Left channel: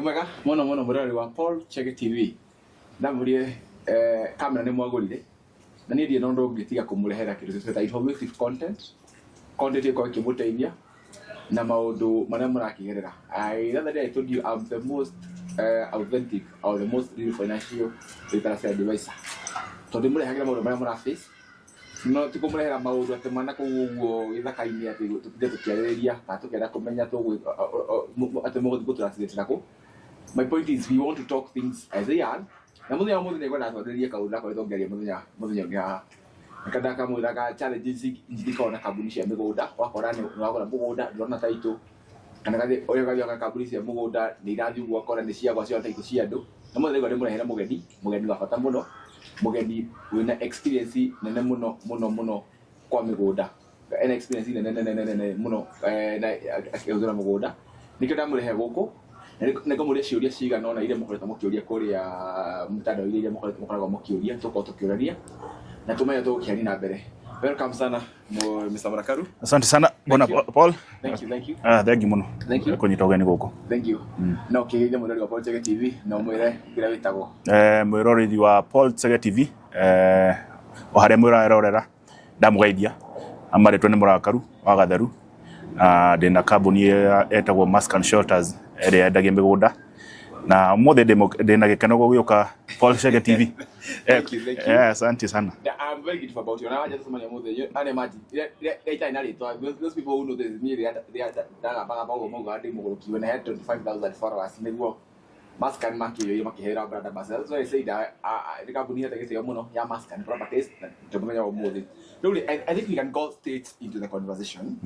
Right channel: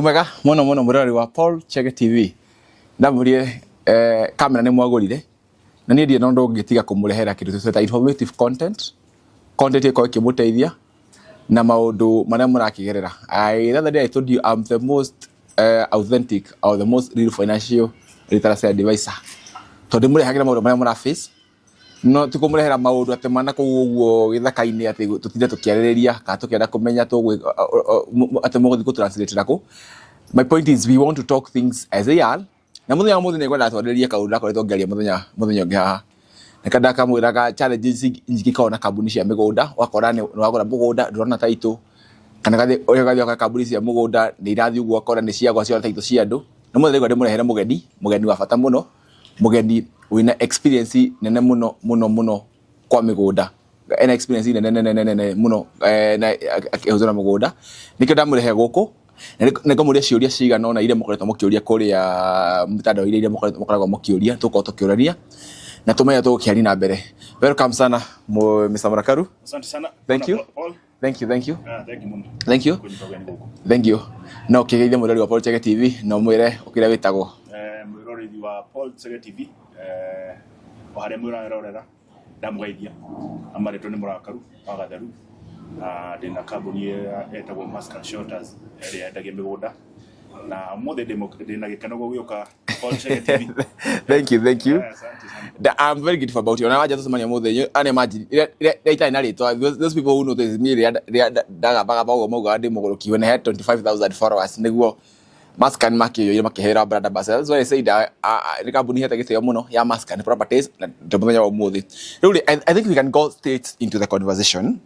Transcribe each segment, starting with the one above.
Mwega muno murari wa Paul Chege TV. Ndamurie kamera ni mwagurire. Na ni ndie ndo ngitiga kumurehera kindu tweta informative content. Content iko ikimuteithia na maundu maria murakigerera. The other day I told you I'm the most authentic or the most real financial literacy advisor. Tondu murehagira maundu maria mura face. No tukumurehera maundu atemana kuguo githaka-ini ati tutinde tukiaririria ka tukienda kumenya tu atemuguthi ku translate nako. My point is we want to talk things as they are. Na muthenya muthenya ne kwenda twaririe kaundu nakoretwo ngeria muthenya ungi haha. Nikanda kamwiraga challenges ingikona kambuni cia migunda wakora ni wagura mugunda ndurona taito kana gathi oyo gathi kambuni cia mugunda ni irathi uguo akora ni ciagwa cia taito cia andu. Na muthenya ngode murehere mugeni wa bata muno. Mugeni wina experience nene muno kwa migunda ena experience nene muno na akihuzura mugunda nikyo ndamurehe guku niko muria ciuria cigana ona ile mukoretwo mukiuria kuria mutandao ile mukoragwo mukiuria tukiurania na tumenya tukiani na mbere. Welcome sana Mr. Murakaru. Asante sana bwana Paul. Thank you. Thank you muno. Thank you. Kunyita ugeni guku. Thank you. No kigeithia murori wa Paul Chege TV no mwire ukira witagwo mwirori wa Paul Chege TV o haria mwirarorera ndamugeithia amaretwo ni Murakaru wa Gatheru ndina kambuni etagwo Mask & Shelters ere endagia migunda na mothe ndina gikeno gugiuka Paul Chege TV. Thank you. Yeah, asante sana. I'm very grateful about you. Na waja sasa manya mothe ani imagine ita ina rito those people who notice me daga baga bago mogo andi mogoroki when I had 25,000 followers niguo Mask & makio yo makihera brother basa. That's why I say that ni kambuni heta gitio muno ya Mask & Properties na ndumenya wa mothe. Really I think we can go straight into the conversation.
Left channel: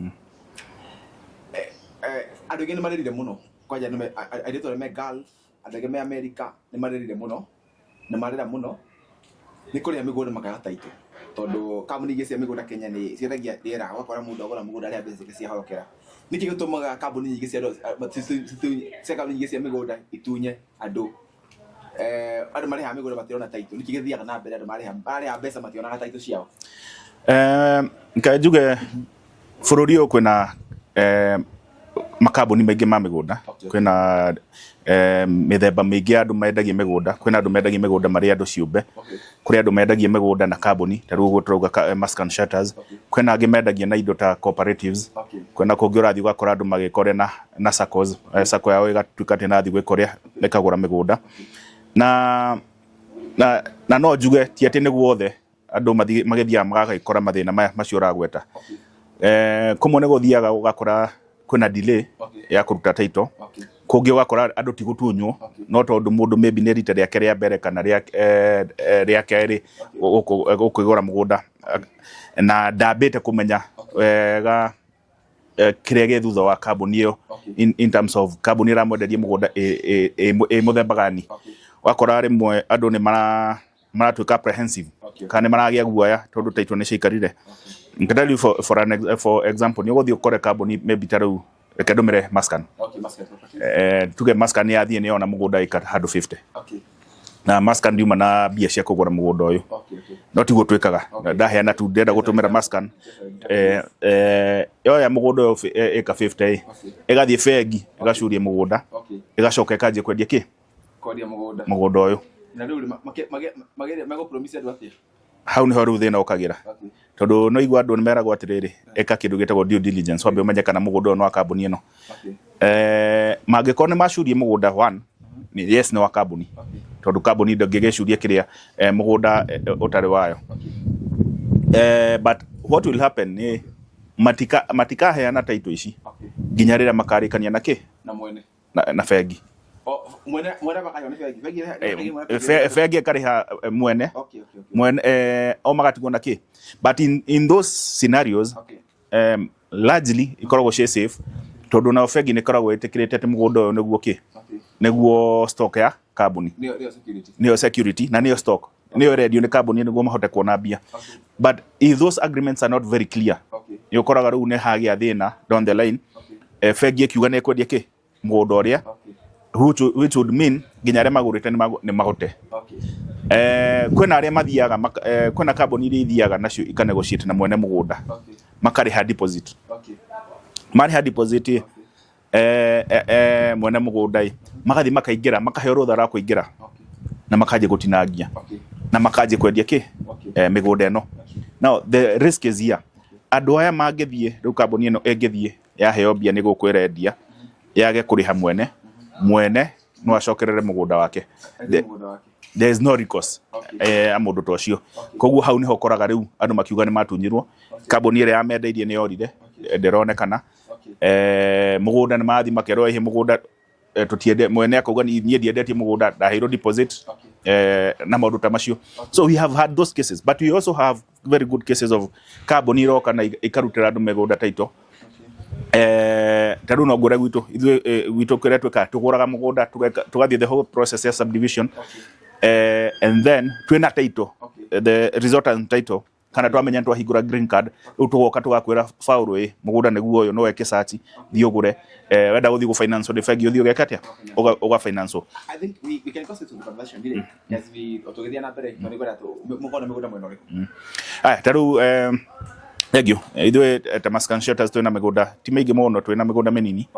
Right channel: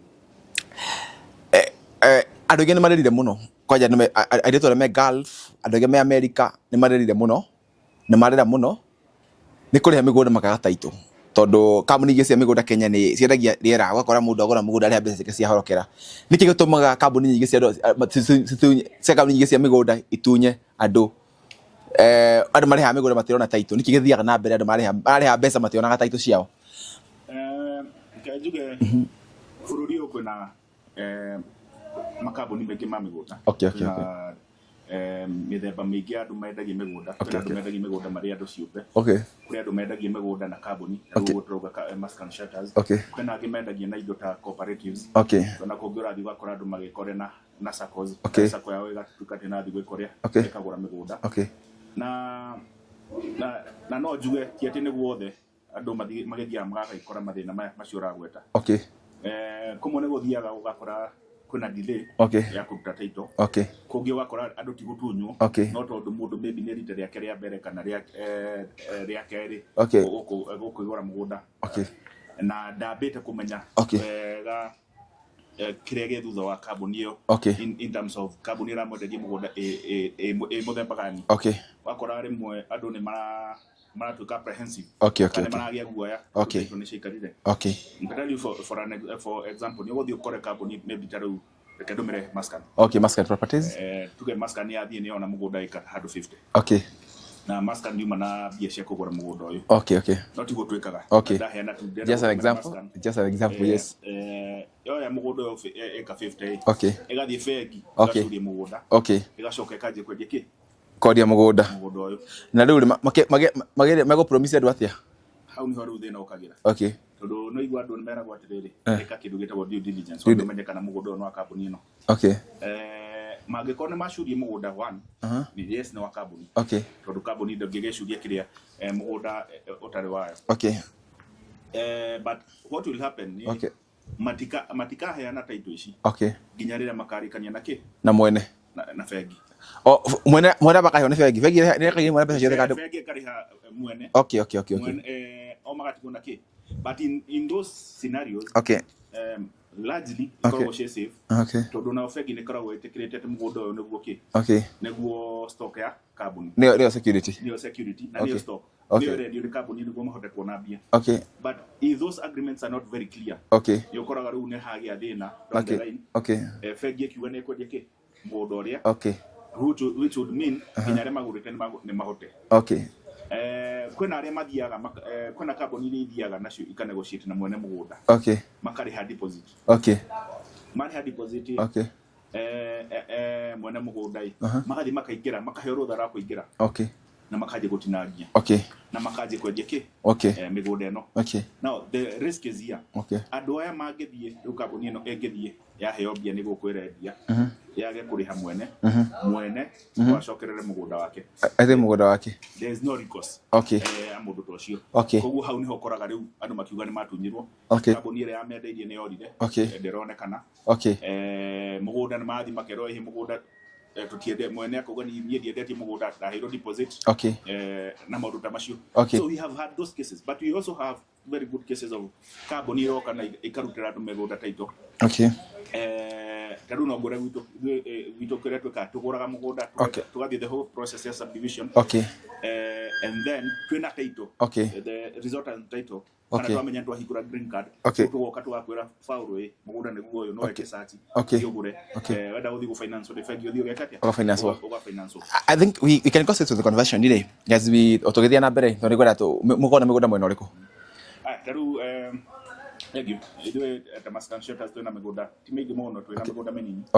Adogene marerire muno kwaja nime adeto me Gulf adogene me America ni marerire muno ni marera muno ni kuri ha migunda makaga taito tondu kambuni ingĩ cia migunda Kenya ni ciendagia riera gwakora mundu agura mugunda ari mbeca ciake cia horokera niki gitumaga kambuni nyingĩ cia kambuni nyingĩ cia migunda itunye andu andu mari ha migunda matirona taito niki githiaga na mbere andu mari ha mbeca mationaga taito ciao nkajuge bururi uyu kwina makambuni maingi ma migunda kwina mithemba maingi andu mendagia migunda kwina andu mendagia migunda mari andu ciumbe kuri andu mendagia migunda na kambuni taru uguo turauga Mask & Shelters kwina angi mendagia na indo ta cooperatives kwina kungi urathi ugakora andu magikore na SACCOs SACCO yao igatuika tena thi gwikoria ikagura migunda na no njuge ti ati niguo othe andu magithia magakora mathina macio uragweta kumwe ni guthiaga ugakora kuna delay ya kuruta taito kungi wakora andu ti gutunywo no tondu mundu maybe ne rita riake ria mbere kana riake ri ukigura mugunda na ndambite kumenya wega kiria ge thutha wa kambuni iyo in terms of kambuni ramwenderie mugunda muthemba gani wakora rimwe andu ni maratuika apprehensive kana maragia guoya tondu taito ni ciikarire tell you for example ni guthii ukore kambuni maybe taru rekedumire Mask & Properties tuge Mask ni athie ni ona mugunda ika handu 50 na Mask ndiuma na bia cia kugura mugunda uyu no tiguo twikaga ndaheana tu ndenda gutumira Mask just an example yo ya mugunda uyu ika 50 igathie bengi gacuria mugunda igacoka ikaje kwendia ki kodia mugunda uyu na riu mago promise andu atia hau ni horu thina ukagira tondu no igwa andu ni meragwo atiriri eka kindu gitagwo due diligence wambe umenye kana mugunda no wa kambuni ino mangikone macurie mugunda one ni yes ni wa kambuni tondu kambuni ndongigecuria kiria mugunda utari wayo but what will happen ni matika heana taito ici nginya rira makarikania na ki na mwene na bengi mwene bakahe ne fegi kariha mwene mwene o magatigwo na ki but in those scenarios largely ikoragwo she safe tondu na fegi ne koragwo itikirite ati mugunda uyu niguo ki niguo stock ya kambuni neo security na neo stock neo ready ni kambuni niguo mahote kuona bia but if those agreements are not very clear yokoraga ru ne hagia thina down the line fegi kiuga ne kwendia ki mugunda uria which would mean nginya re magurite ni mahote kwena aria mathiaga kwena kambuni iria ithiaga nacio ikanegotiate na mwene mugunda makari ha deposit mari ha deposit mwene mugunda magathi makaingira makaheo rutha ra kuingira na makaje gutinangia na makaje kwendia ki migunda eno. Now the risk is here. Andu aya mangithie riu kambuni eno engithie yaheo mbia ni gukwirendia yage kuriha mwene no acokerere mugunda wake there is no recourse amundu tocio koguo hau niho koraga riu andu makiuga ni matunyirwo kambuni ire yamendeirie ni yorire ndironekana mugunda ni mathi makerwo ihe mugunda tutiende mwene akauga ni ndiendetie mugunda ndaheirwo deposit na maundu ta macio. So we have had those cases, but we also have very good cases of kambuni iroka na ikarutira andu migunda taito taru no ngura gwitu kire tweka tuguraga mugunda tugathie the whole process ya subdivision and then twina title the resultant title kana twamenya twahingura green card tugoka tugakwira faulu mugunda niguo uyu no weke search yugure wenda guthi go finance the fag yuthi ugeka atia uga finance. I think we can go to the conversion today as we otogethia na mbere no rigora tu mugona migunda mwena uriku taru egyo ithwe ta Maskan Shelters twina migunda ti mingi muno twina migunda minini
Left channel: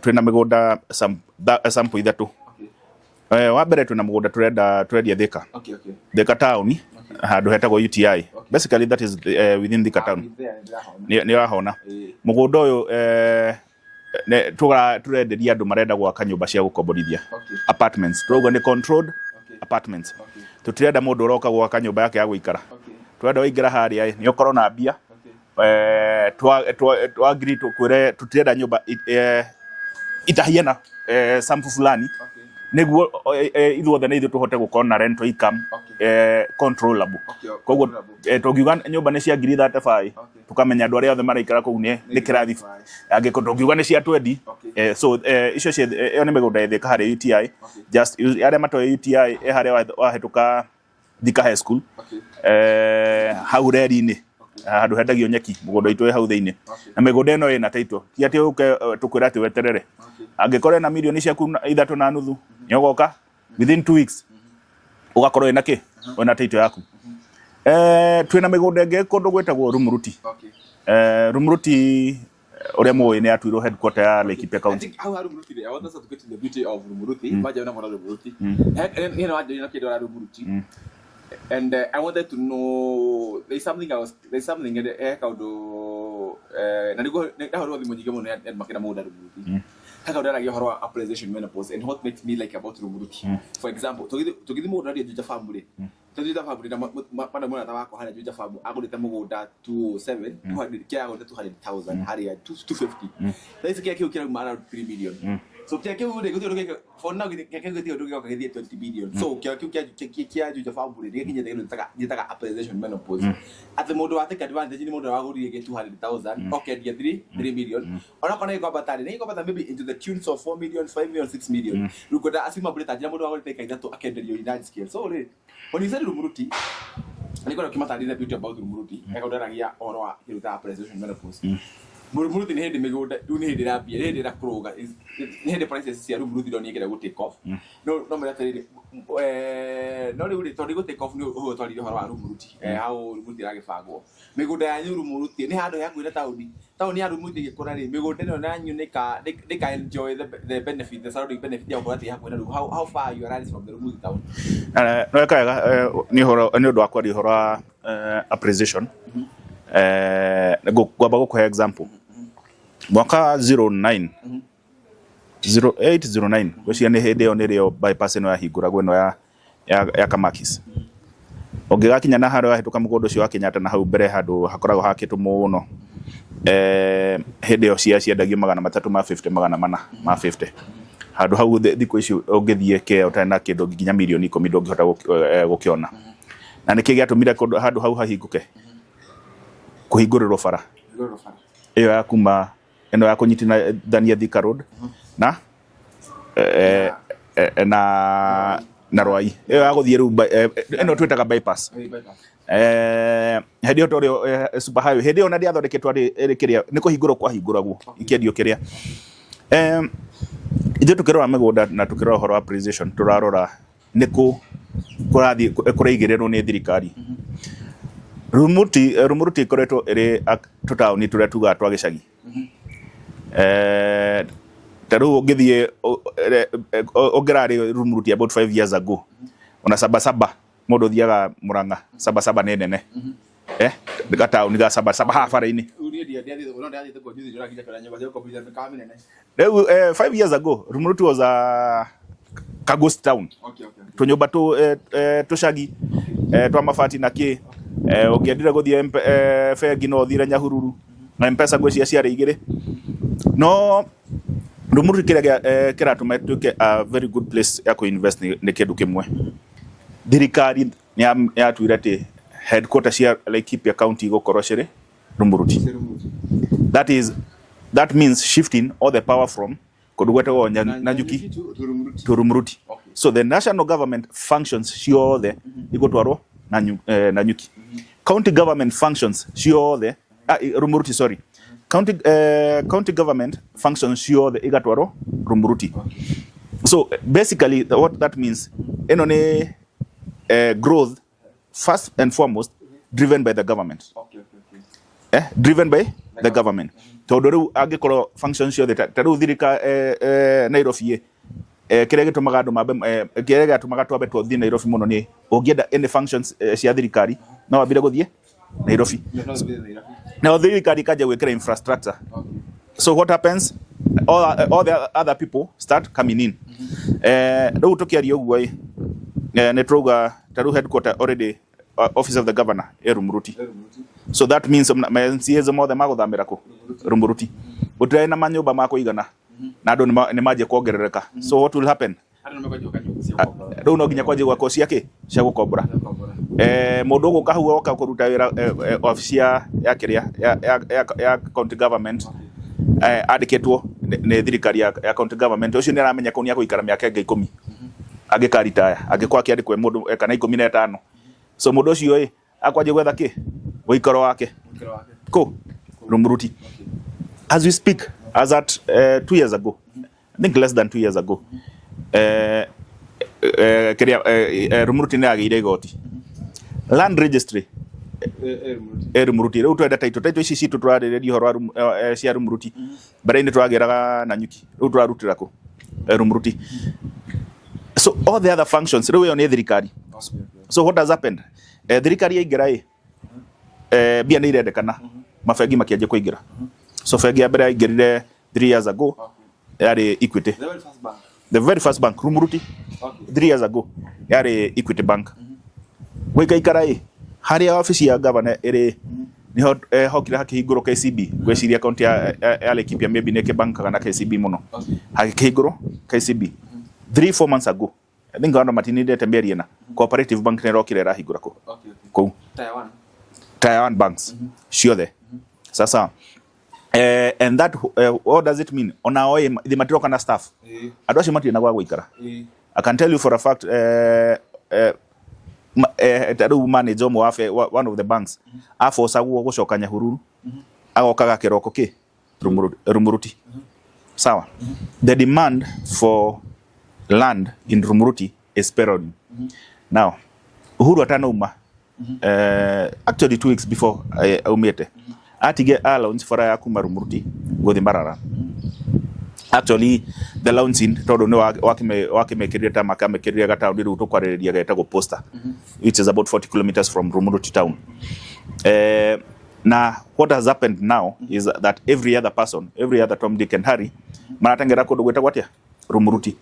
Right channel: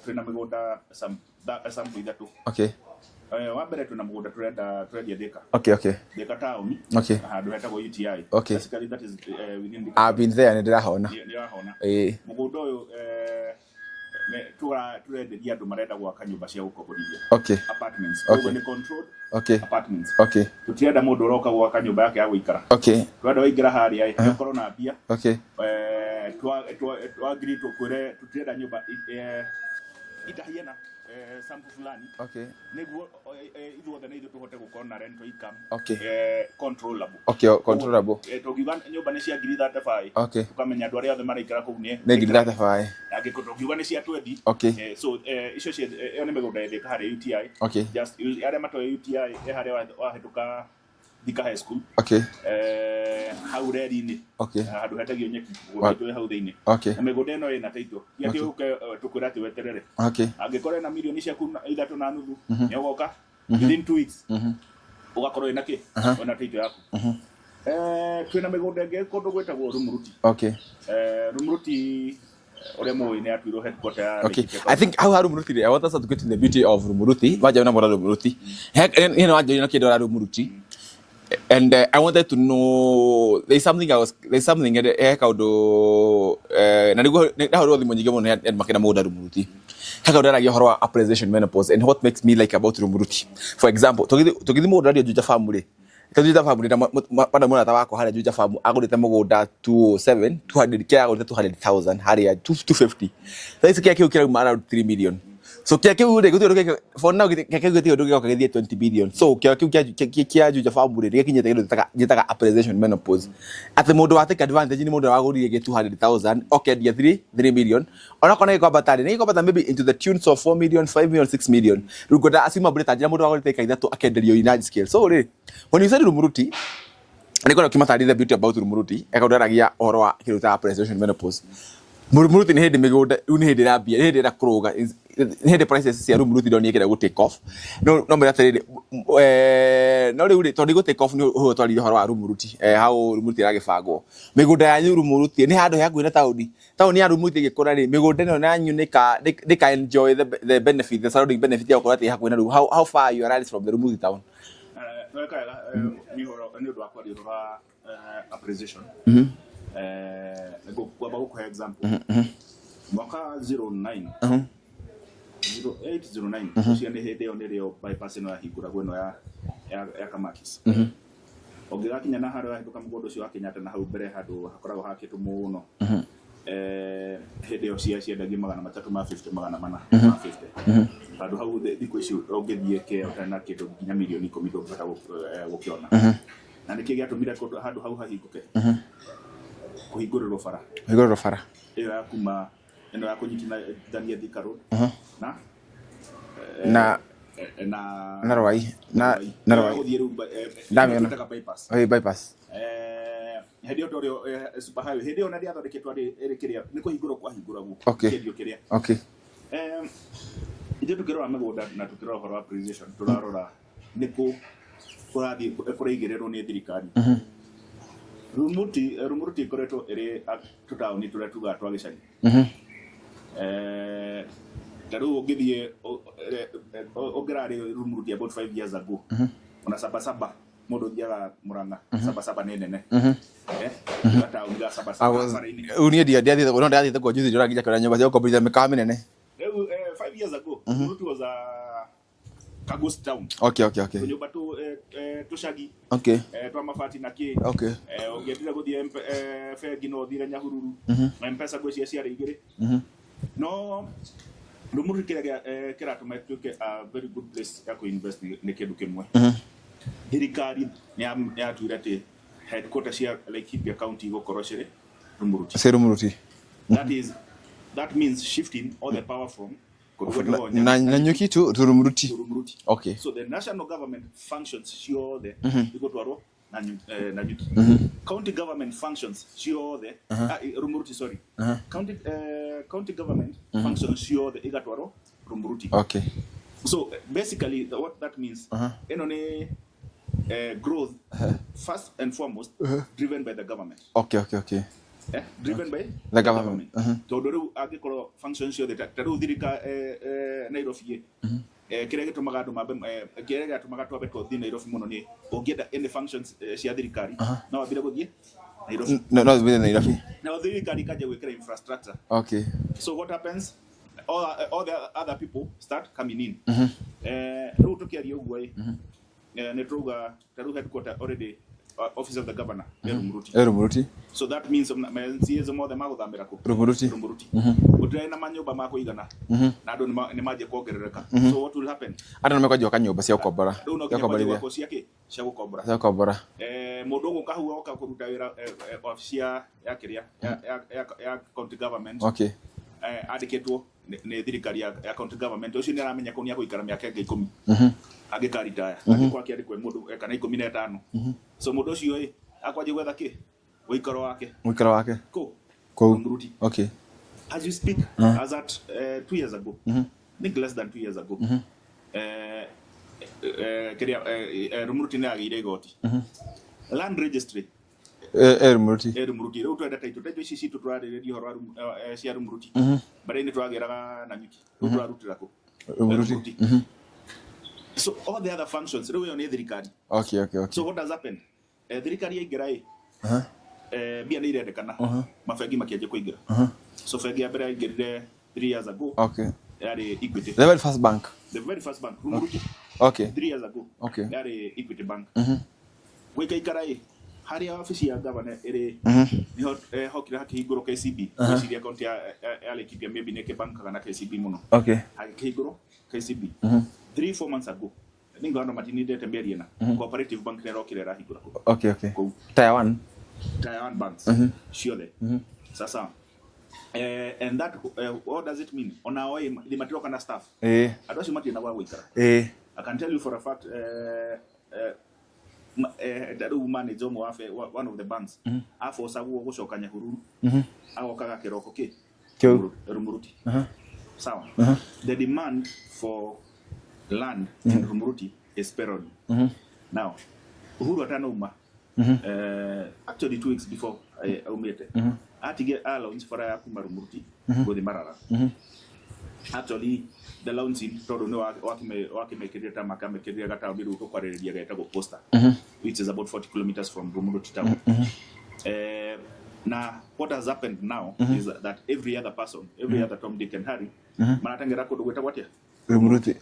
twina migunda sample ithatu wa mbere twina mugunda turendia Thika Thika town handu hetagwo UTI basically that is within Thika town. I've been there ni rahona mugunda uyu turenderia andu marenda gwaka nyumba cia gukomborithia apartments koguo ni controlled apartments tutirenda mundu uroka gwaka nyumba yake ya guikara turenda waikara haria nyokorwo na mbia twa agree tukwire tutirenda nyumba itahiana sample fulani niguo ithuothe ni ithu tuhote gukona na rental income controllable tugiuga nyumba ni cia 35 tukamenya andu aria othe maraikara kuu ni kirathi angiko tugiuga ni cia 20 so icio cia io ni migunda Thika hari UTI just aria matoe UTI haria wahetuka Thika High School hau reri-ini handu hendagio nyeki mugunda itu hau thiini na migunda eno ina title ti ati tukwira ati weterere angikore na milioni ciaku 3.5 nyogoka within 2 weeks ugakorwo ina ki ona title yaku twina migunda ingi kundu gwetagwo Rumuruti Rumuruti ore moyo ni atuiro headquarter ya Laikipia. I think how Rumuruti I want us to get to the beauty of Rumuruti baje na bora Rumuruti you know aje na kido Rumuruti. And I wanted to know there's something kaudo na horo the monyi gemo and makina moda Rumuruti kaudo na horo appreciation menopause and what makes me like about Rumuruti for example togidi moda radio juja family juja family na pada mona tawako hali juja family agurite mogoda 207 200 kia agurite 200,000 hali ya 250 that's kia kira around 3 million so kia kira for now kia kira 20 billion so kia juja family kinyete kindo gitaga appreciation menopause ati mundu wa take advantage ni mundu wa gurire 200,000 okay dia 3 million ona kona iko batari ni iko bata maybe into the tunes of 4 million 5 million 6 million rugoda asima bure tajira mundu wa gurire kaida to akenderio in large scale so when you said Rumuruti niko kimatari the beauty about Rumuruti ekaudagia oro wa kiruta appreciation menopause Rumuruti ni hindi migunda ni hindi rabia ni hindi kuruga ni hindi prices cia Rumuruti do ni kira go take off no me atarire no ri to ni go take off ni ho twari horo wa Rumuruti how Rumuruti ragibangwo migunda ya Rumuruti ni handu hakuina tauni ya Rumuruti gikora ri migunda no na nyu ni ka enjoy the benefit the surrounding benefit ya gukora ti hakuina ru how far you are from the Rumuruti town no ekaga ni horo ni undu akwa ri horo appreciation gwamba gukuhe example mwaka 0809 ucio ni hindi yo nirio bypass ino yahingura gweno ya Kamakis ongigakinya na haro yahituka mugondo cio wa Kenyatta na hau mbere handu hakoragwo hakitu muno hindi yo ciendagio 350 450 handu hau thiko icio ungithie ke utana kindu nginya milioni 10 ndungihota gukiona na niki giatumire handu hau hahinguke kuhinguriro bara iyo ya kuma eno ya kunyitina Dania Thika Road na Rwai iyo ya guthie ru eno twetaga bypass hedio torio super highway hedio na dia thondeketwa ri kiria ni kuhingurwo kwa hinguragwo kiendio kiria ithu tukirora migunda na tukirora horo appreciation turarora niku kurathi kuraigirirwo ni thirikari Rumuruti koretwo iri tutauni turia tuga twa gicagi taru ungithie ongerari Rumuruti about 5 years ago ona Sabasaba mundu thiaga Murang'a Sabasaba ne nene ga town ga Sabasaba hafara-ini uni ndiathie kwa juzi ndora ngija kwa nyumba cia kukomborithia mikawa minene 5 years ago Rumuruti was a ghost town. Okay. Tunyumba tucagi twa mabati na ki ungiendire guthie bengi no thire Nyahururu na M-Pesa gwecia ciarĩ igĩrĩ no Rumuruti kiratuma tuke a very good place ya ku invest ni kindu kimwe thirikari ni yatuire ati headquarters ya Laikipia County gukorwo ciri Rumuruti. That means shifting all the power from Kodugwete Nanyuki to Rumuruti. Okay. So the national government functions ciothe igotwarwo Nanyuki. County government functions ciothe Rumuruti, sorry. County government functions ciothe igatwarwo Rumuruti. Okay. So basically what that means eno ni growth first and foremost driven by the government. Okay. Driven by the government. Tondu riu angikorwo functions ciothe taru thirika Nairobi kire gitumaga andu mambe kire gatumaga twambe twathie Nairobi muno ni ungienda any functions cia thirikari no wambire guthie Nairobi. No zibire Nairobi. Now thirikari kaje gwikira infrastructure. Okay. So what happens? All the other people start coming in. Riu tukiaria uguo ne trouga taru headquarter already office of the governor Rumuruti. So that means MCAs mothe maguthamira ku Rumuruti. Utire na manyumba ma kuigana na andu ni maje kuongerereka. So what will happen? Andu ni makwaje kanyumba cia gukombora. Riu no nginya kwaje gwako ciake cia gukombora. Mundu guka hu oka kuruta wira office ya kiria ya county government. Okay. Andiketwo ni thirikari ya county government ucio ni aramenya ko ni akuikara miaka 10 agika retire agikwa akiandikwe mundu kana 15 so mundu ucio akwaje gwetha ki wikaro wake ko Rumuruti. Okay. As we speak as at 2 years ago I think less than 2 years ago Rumuruti ni agire igoti land registry Rumuruti riu twenda taito ici citu turarireria horo cia Rumuruti mbere-ini twageraga Nanyuki riu turarutira ku Rumuruti. So all the other functions riu yo ni thirikari. Okay. So what has happened? Thirikari yaingira bia ni irendekana mabengi makianjia kuingira. So bengi ya mbere yaingirire 3 years ago. Okay. Yari Equity. The very first bank Rumuruti. Okay. 3 years ago. Okay. Yari Equity Bank. Wikaikara haria office ya governor iri ni hokira hakihinguro KCB gweciria account ya Laikipia maybe neke bank kana KCB muno. Okay. Hakihinguro KCB 3-4 months ago. I think ando matinide temberia na cooperative bank ne rokire rahingura ko. Okay. Tier 1 banks ciothe. Sasa and that what does it mean? Ona oye the material kana staff. Andu acio matire na gwa guikara. I can tell you for a fact taru manager one of the banks aforce gucoka Nyahururu agokaga kiroko ki Rumuruti. Sawa. The demand for land in Rumuruti is parallel. Now Uhuru atanauma actually 2 weeks before umete atige allowance for ya kuma Rumuruti guthi Mbarara. Actually the launching todo no wakimekiria ta makamekiria gata ndiru tukwaririria geta go poster which is about 40 kilometers from Rumuruti town. Now what has happened now is that every other person, every other Tom, Dick and Harry maratengera kodo gweta gwatia Rumuruti.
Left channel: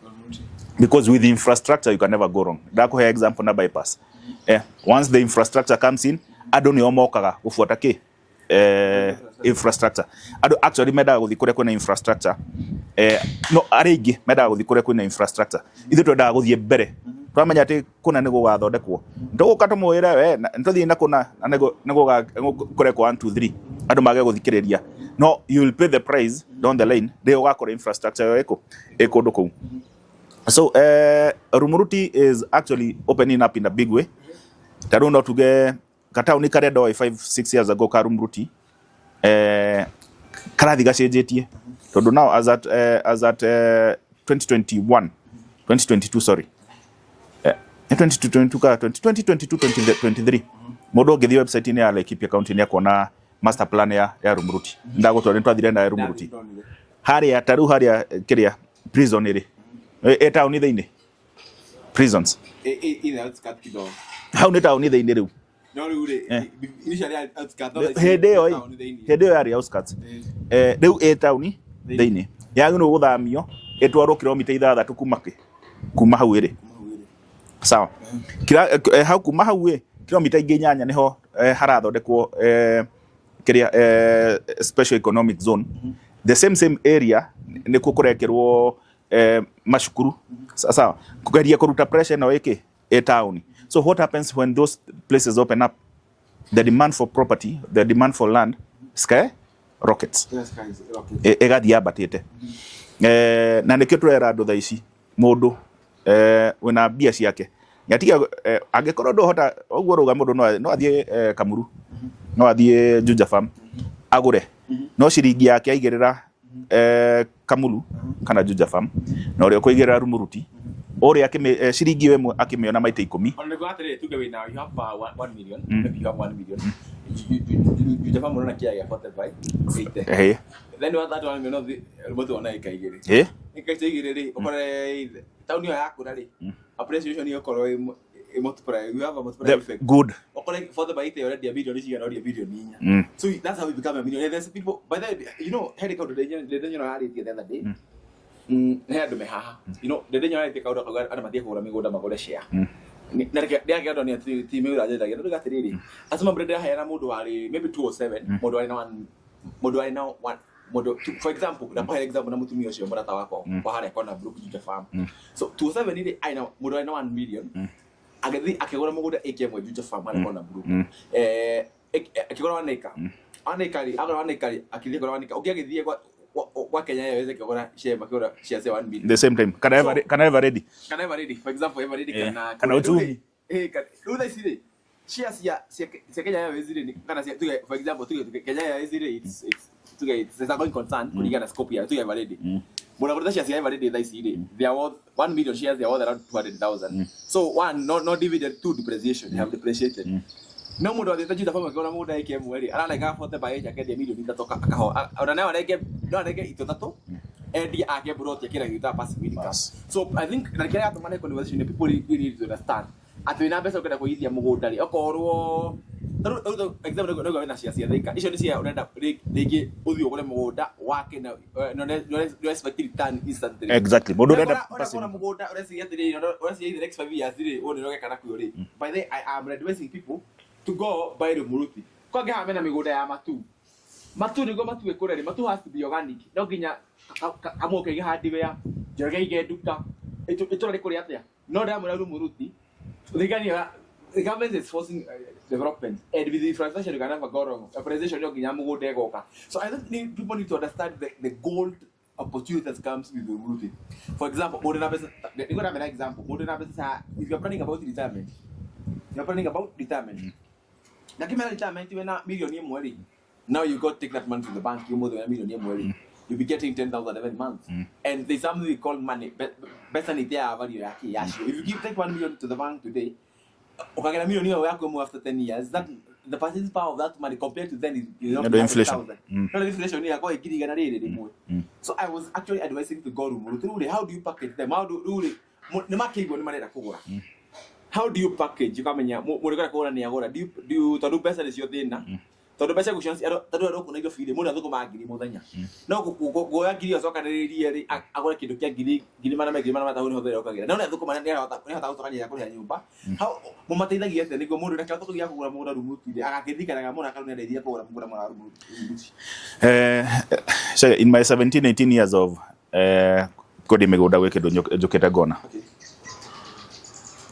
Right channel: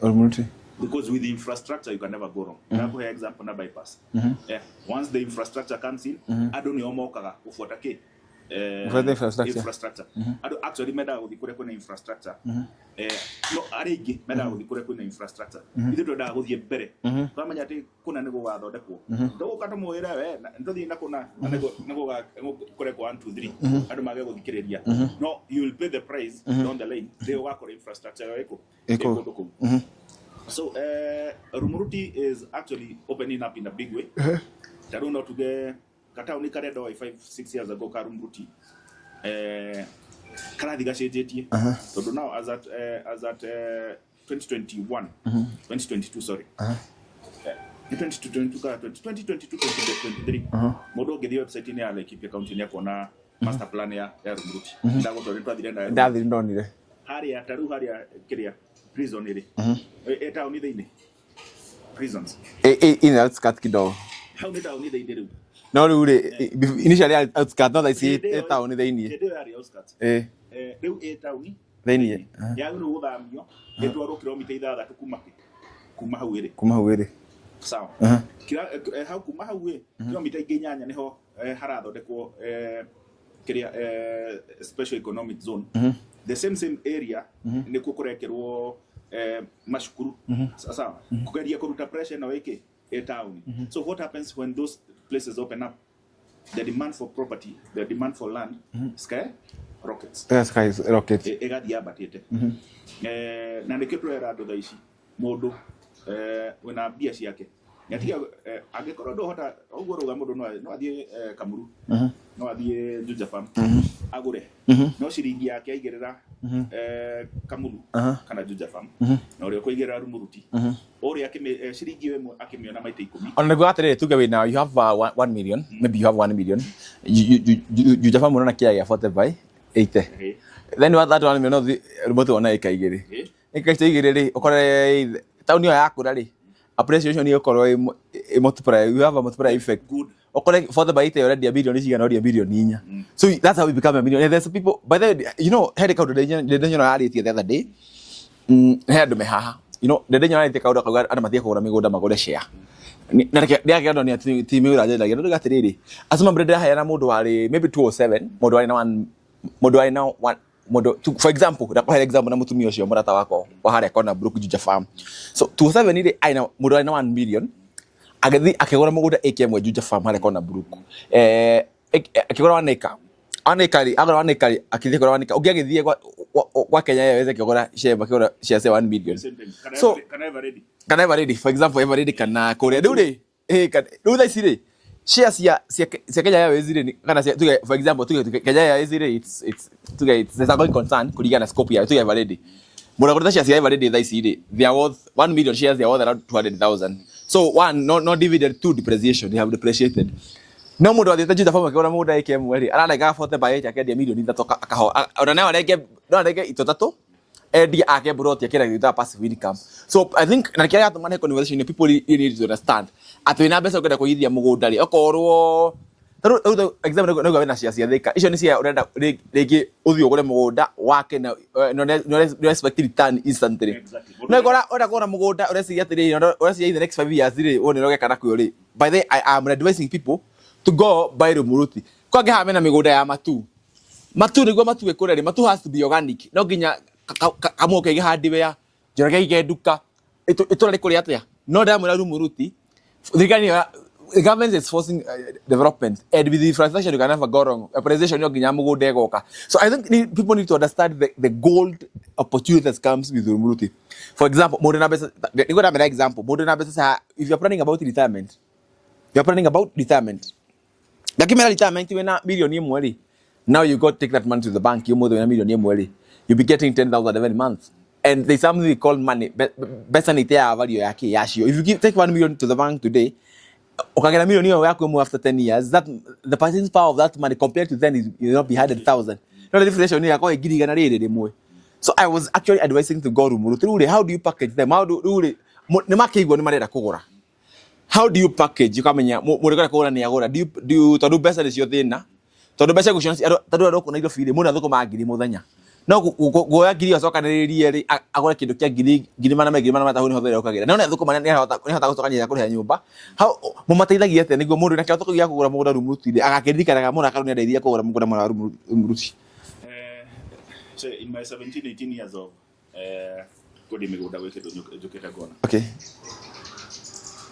Because with the infrastructure you can never go wrong. Ndakoให้ example na bypass. Once the infrastructure comes in adoni omokaga ufuata ki infrastructure. Ado actually meda guthi kuria kwina infrastructure. No arigi meda guthi kuria kwina infrastructure. Ithu twenda guthie mbere. Twamenya ati kuna nego gathondekwo. Ndoguka tumuira we ntuthie na kuna nego kuria kwa 1 2 3. Ado mage guthikiriria. No you will pay the price down the line. They ugakora infrastructure yo eko nduku. So Rumuruti is actually opening up in a big way. Taruno tuge Katauni kare do 5-6 years ago ka Rumuruti karathi gacenjetie tondu now as at 2022 sorry 2022-2023 mundu ngithi website ya Laikipia County ni akona master plan ya Rumuruti ndagutwara twathire na Rumuruti haria taru haria kiria prison iri town thiini prisons in outskirt kidogo hau ni town thiini riu no riu initially outskirt no like town thiini hede yari outskirts riu town thiini yagino guthamio etwarwo kilomita 6 kuma hau iri sawa kira hau kuma hau kilomita ingi 8 niho harathondekwo kiria special economic zone the same area nikuo kurekerwo mashukuru sawa kugeria kuruta pressure na wiki town so what happens when those places open up the demand for property the demand for land sky rockets egathia abatite na nikio turera andu tha ici mundu wina bia ciake yatiga angikorwo ndohota oguo ruga mundu no athie Kamuru no athie Juja Farm agure no ciringi yake aigirira Kamuru kana Juja Farm na uri kuigirira Rumuruti uri ciringi imwe akimiona maita 10 on go atere tuge we now you have 1 million maybe you have 1 million Juja Farm unaona kia ya 45 80 then what that 1 million Rumuruti ona ikaigiri ikaigiri ri ukore tauni yaku rari appreciation you call multiply you have a multiplier effect good okole for the bite already a billion is already a billion ninya so that's how we become a million. There's people by the you know head account the reality the other day head me haha you know the reality account ana mathia kugura migunda magure share na ndia ndo ni team ura je like ndo gatiriri asoma brenda haya na mundu wari maybe 207 mundu wari na 1 modo for example kwa example na mutumia ucio murata wako wa haria kona brook Juja Farm so 27 ile aina mudo aina 1 million agathi akigora mugunda AKM Juja Farm haria kona brook akigora 1 acre agora 1 acre akithie kora 1 acre ugigithie kwa Kenya yaweze kigora share makigora share 1 million the same time kana ever ready for example ever ready kana kore dule dule isire shares ya Kenya yaweze ile kana for example Kenya yaweze ile it's there's a going concern kuligana scope ya ever ready mura kwa shares ya ever ready they are worth 1 million shares they are worth around 200,000 so one no dividend, two depreciation, they have depreciated no mudo atete Juja Farm kwa mudo AKM weri ana like afote bae ya kedia million itatoka akaho ona like itotatu edi ake brought yakira ita passive income so I think na kia atu mane conversation people need to understand atu ina besa kwenda kuithia mugunda ri okorwo example no na cia thika icio ni cia urenda rigi uthio gure mugunda wake na no expect return instantly exactly ora kora mugunda ureci atiri ureci in the next 5 years ri one roge kana kuyo ri by the I am advising people to go buy Rumuruti kwa ge hamena migunda ya matu niguo matu ekureri matu has to be organic no ginya kamuke ge handi wea jorage ge duka itura rikuri atia no ndamura Rumuruti the government is forcing development and with the infrastructure you can never go wrong appreciation yo ginya mugunda egoka so I think people need to understand the gold opportunity that comes with Rumuruti for example modern business niko na example modern business if you are planning about retirement lakini retirement wena million imwe now you got to take that money to the bank you more than a million imwe you'll be getting 10,000 every month and there's something we call money besa ni tia value yake yashio if you take 1 million to the bank today ukagena million hiyo yako after 10 years that the purchasing power of that money compared to then is 100,000 no the inflation yako igirigana riri mwe so I was actually advising to go Rumuruti how do you package them how do ni makigwo ni marenda kugura how do you package ukamenya murekora kugura ni agura do you tondu besa ni cio thina tondu besa gucio tondu ando kuna ido fili muna thuko magiri muthenya no goya ngiri acokaniririe ri agore kindu kia ngiri mana matahu ni hothere ukagira no thuko mana ni hota gucokania kuri nyumba how mumateithagia ate niguo mundu nake thuko gia kugura mugunda Rumuruti agakiririkanaga muna kanuni ndeithia kugura mugunda mwana Rumuruti so in my 17-18 years of kodi migunda gwikindu njukite ngona okay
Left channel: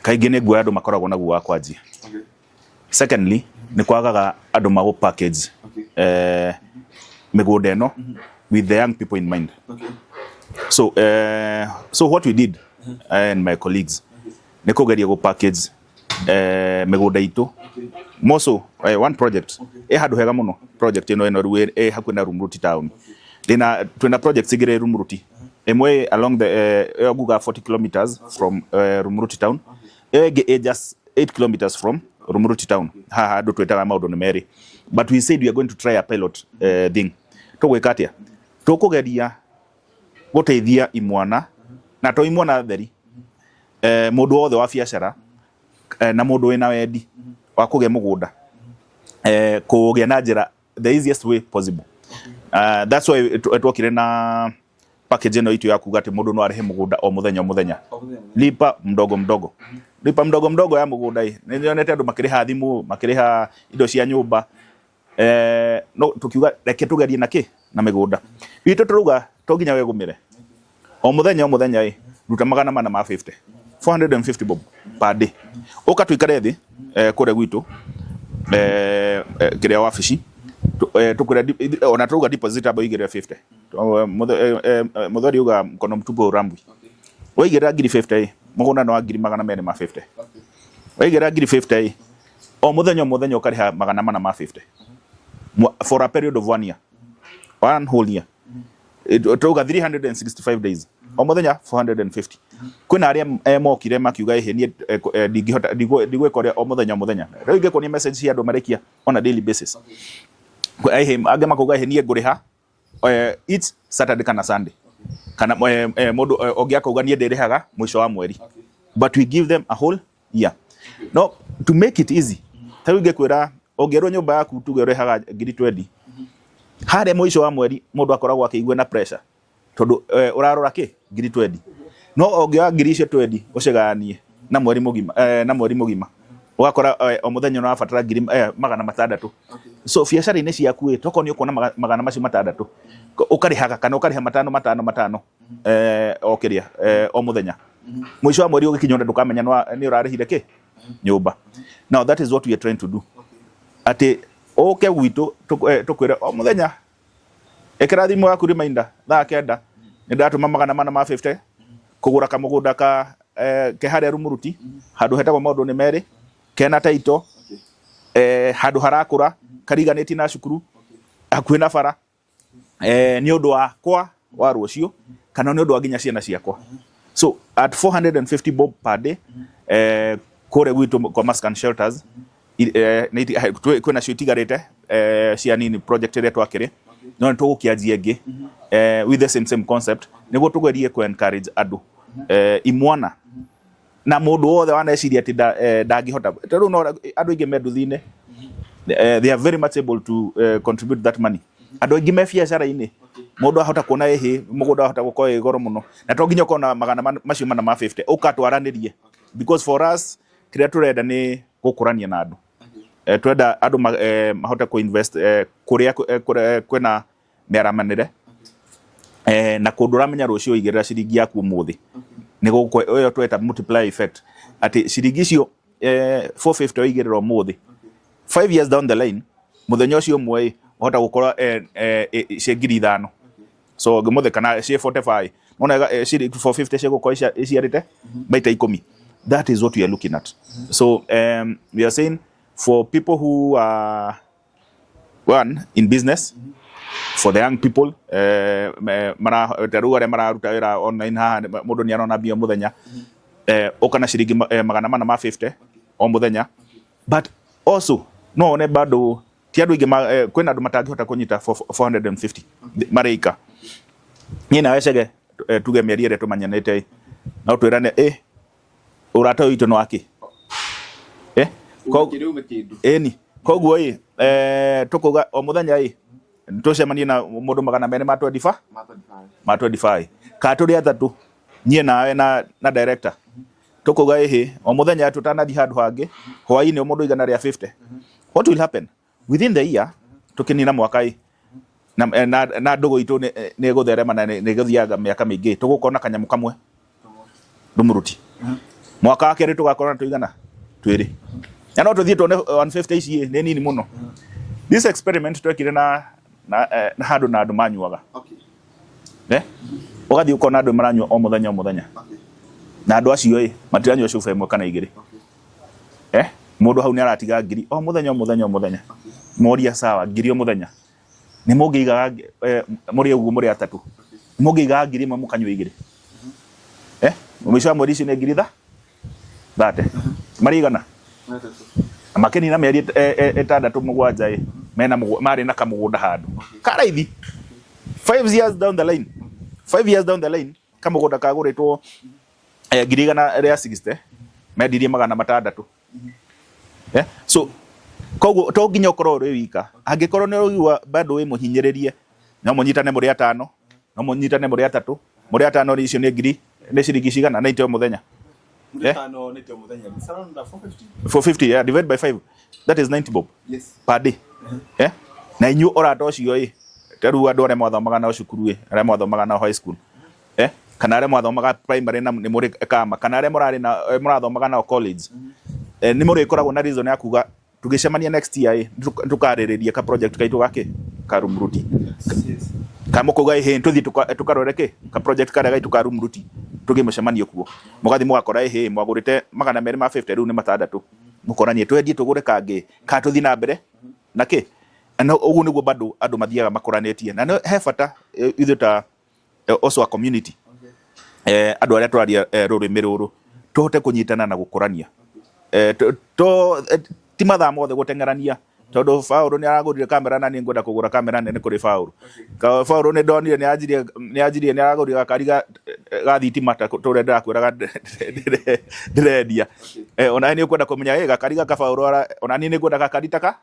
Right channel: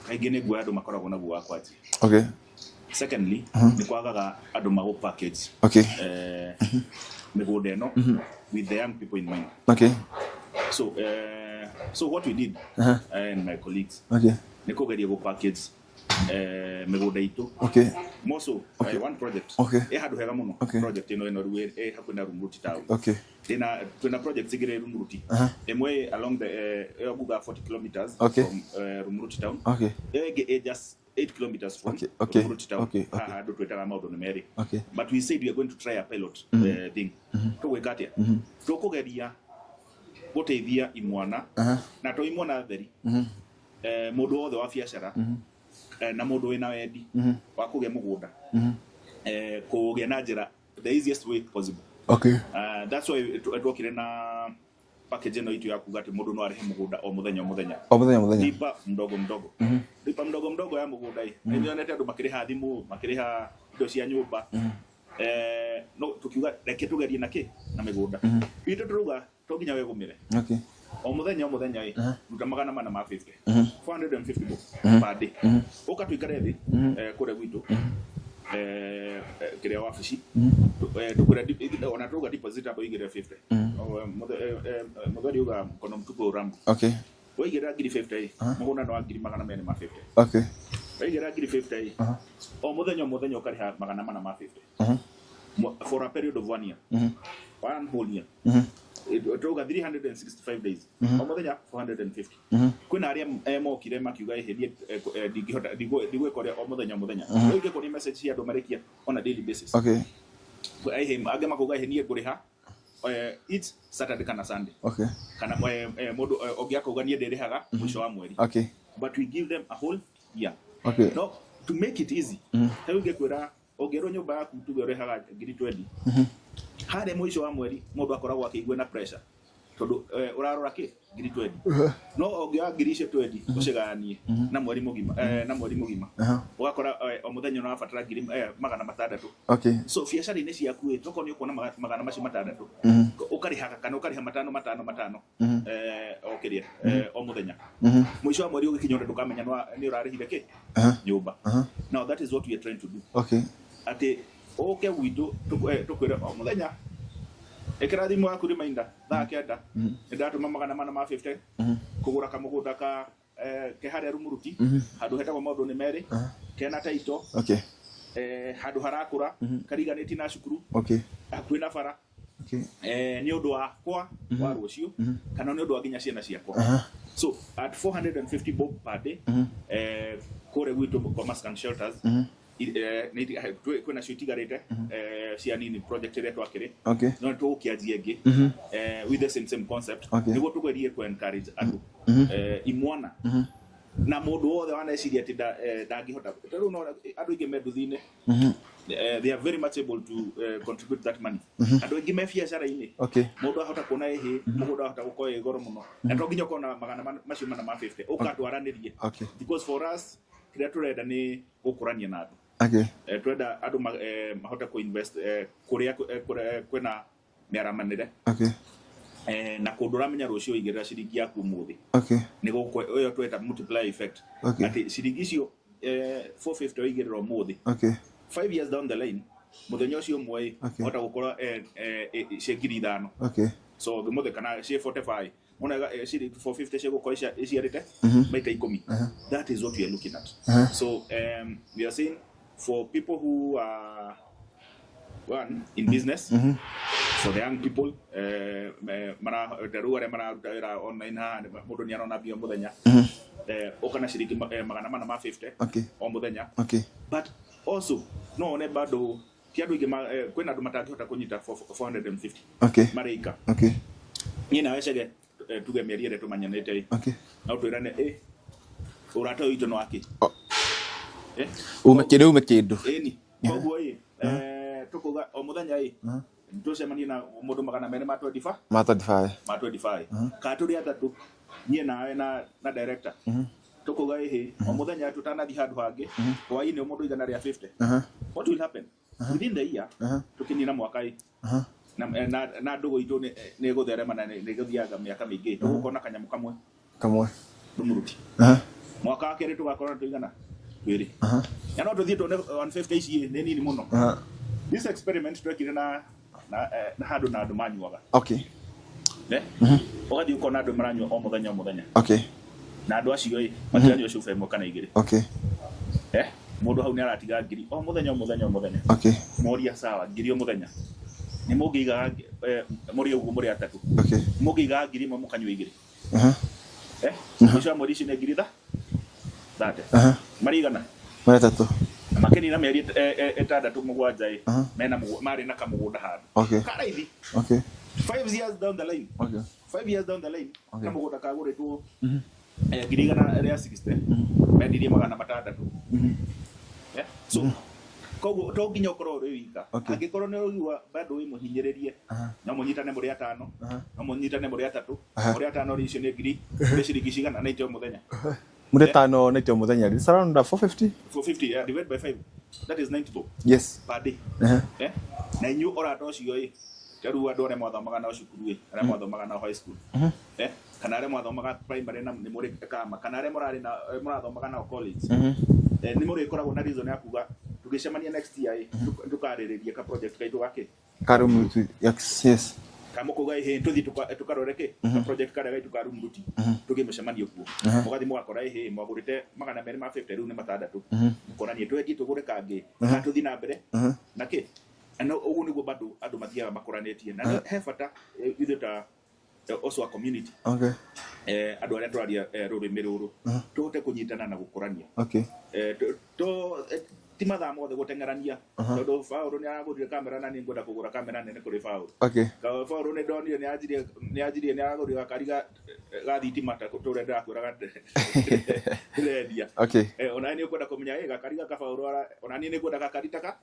kaingĩ nĩ nguoya andũ makoragwo naguo wa kwanjia okay secondly nĩ kwagaga andũ mago package okay mĩgũnda ĩno with the young people in mind okay so what we did and my colleagues okay nĩ kũgeria go package mĩgũnda itũ okay moso one project okay handũ hega mũno project ĩno rĩu hakuhĩ na Rumuruti town okay twina projects igire Rumuruti emwe along the guga 40 kilometers from Rumuruti town okay just 8 kilometers from Rumuruti town haha ndo twetaga maundu ni meri but we said we are going to try a pilot thing tugwika atia tukugeria guteithia imwana na to imwana theri mundu wothe wa biacara na mundu wina wendi wa kuge mugunda kuge na njira the easiest way possible. Okay. That's why twokire na package eno itu ya kuga ati mundu no arehe mugunda o muthenya lipa mdogo lipa mdogo ya mugunda hii nionete andu makiriha thimu makiriha indo cia nyumba no tukiuga reke tugerie na migunda itu turuga to ginya we gumire. Okay. O muthenya hii ruta 450 450 bob per day ukatuikare thi kure gwitu kiria wafici tukura ona turuga deposit abo igire 50 muthori uga mkono mtupu rambu. Okay. Waigira ngiri 50 mugunda no ngiri 250. Okay. Waigira ngiri 50 o muthenya ukariha 450 for a period of 1 year. 1 whole year. Turuga 365 days o muthenya 450. Kuna aria mokire makiuga nie ndingihota ndigwekoria o muthenya rĩu ingekuonia message cia andu marekia on a daily basis. Okay. Age makuga nie nguriha each Saturday kana Sunday. Okay. Kana mundu ongiakuga nie ndirihaga mwisho wa mweri. Okay. But we give them a whole year. Okay. No, to make it easy rĩu ingekwira ongerwo nyumba yaku tuge urihaga ngiri 20 hare mwisho wa mweri mundu akoragwo akigwe na pressure tondu urarora ngiri 20 no ongia ngiri icio 20 uciganie na mweri mugima ugakora o muthenya no afatara ngiri 600. Okay. So biacara ini ciaku toko ni ukona 600 ukarihaga kana ukariha 5 o kiria o muthenya mwisho wa mweri ugikinya ndukamenya ni urarihire nyumba. Now that is what we are trying to do. Okay. Ati oke gwitu tukwira o muthenya ekira thimu yaku reminder thaa kenda ndatuma 450 kugura kamugunda ka kehare rumuruti handu hetagwo maundu ni meri kena taito. Okay. Handu harakura kariganiti na cukuru. Okay. Hakuhi na bara. Okay. Ni undu wa kwa wa rucio kana ni undu wa ginya ciana ciakwa. So at 450 bob per day kore gwitu kwa Maskan Shelters kwena cio itigarite cia nini project ĩrĩa twakĩrĩ. Okay. No nĩtũgũkĩanjia ĩngĩ with the same concept. Okay. Nĩguo tũgerie ku encourage andũ imwana na mũndũ wothe waneciria atĩ ndangĩhota rĩu no andũ aingĩ me nduthi-inĩ they are very much able to contribute that money. Andũ aingĩ me biacara-inĩ mũndũ ahota kuona mũgũnda ahota gũkorwo ĩ goro mũno na to nginya ũkorwo na magana macio 50 ũkatwaranĩrie because for us kĩrĩa tũrenda nĩ gũkũrania na andũ. Okay. Twenda andu mahote ku invest kuria kwena meramanire. Okay. Na kundu ramenya rucio igirira ciringi yaku muthi. Okay. Nigo oyo tweta multiply effect. Okay. Ati ciringi cio 450 igirira muthi. Okay. 5 years down the line muthenya ucio mwe hota gukora ngiri 5. Okay. So gimuthe kana cie 45 mona ciri 450 cie gukora iciarite baita 10. That is what we are looking at. So we are saying for people who are in business, for the young people mara taruga mararuta wira online ha mundu ni arona bio muthenya ukana ciringi 450 o muthenya. Okay. But also no one bado ti andu ingi kwena andu matangihota kunyita 450. Okay. Marika. Okay. Ni na wecege tuge mieri ire tumanyanite. Okay. Na twirane urata witu no aki ume kindu ni koguo tukuga o muthenya tucemanie na mundu 225 ka turi athatu nie nawe na director tukuga o muthenya tutanathi handu hangi hwaini o mundu igana ria 50. What will happen within the year tukinina mwaka na ndugu itu ni gutherema na ni guthiaga miaka mingi tugukona kanyamu kamwe ndumuruti mwaka wa keri tugakorana tuigana twiri ya no tuthie tuone 150 ici ni nini muno. This experiment twekire na handu na andu manyuaga. Okay. Ugathi ukona andu maranyua o muthenya. Okay. Na andu acio matiranyua cuba imwe kana igiri. Okay. Mundu hau ni aratiga ngiri o muthenya. Okay. Moria sawa ngiri o muthenya ni mungiiga muri ugu muri atatu. Okay. Mungiiga ngiri imwe mukanyua igiri. Mwisho wa mweri icio ni ngiri thate marigana maratatu makeni na meri 6-7 mena mari na kamugunda handu karaithi. Okay. 5 years down the line 5 years down the line kama mũgũnda kagũrĩtwo ngiri igana rĩa 60 mendirie magana matandatũ so koguo to nginya ũkorwo ũrĩ wika angĩkorwo nĩ ũigua bado wĩ mũhinyĩrĩrie no mũnyitane mũrĩ atano no mũnyitane mũrĩ atatũ mũrĩ atano icio nĩ ngiri nĩ ciringi cigana 90 o mũthenya mũrĩ atano 90 o mũthenya it's around 450 yeah, divide by 5 that is 90 bob yes per day na inyu orata ũcio taru andũ arĩa mwathomaga na cukuru arĩa mwathomaga na high school kana arĩa mwathomaga primary na nĩ mũrĩ kama kana arĩa mũrarĩ na mũrathomaga na college nĩ mũrĩ koragwo na reason ya kuga tugicemania next year tukarĩrĩria ka project kaitu gake karumruti yes kama kuga tuthi tukarore ke ka project kare gaitu karumruti tugimũcemanio kuo mugathi mugakora mwagũrĩte magana merĩ ma 50 rĩu nĩ matandatũ mũkoranie twendie tũgũre kangĩ ka tuthi na mbere na ke na ũguo nĩguo bado andũ mathiaga makoranĩtie na he bata ithuĩ ta also a community andũ arĩa tũraria rũrĩmĩ rũrũ tũhote kũnyitana na gũkũrania ti mathaa mothe gũteng'erania tondũ Faũlũ nĩ aragũrire kamera na nĩ ngwenda kũgũra kamera nene kũrĩ Faũlũ Faũlũ nĩ ndonire nĩ aragũrire gakari ga thitima tũrĩa ndĩrakwĩraga ndĩrendia ona nĩ ũkwenda kũmenya gakari gaka Faũlũ ona niĩ nĩ ngwenda gakari ta ga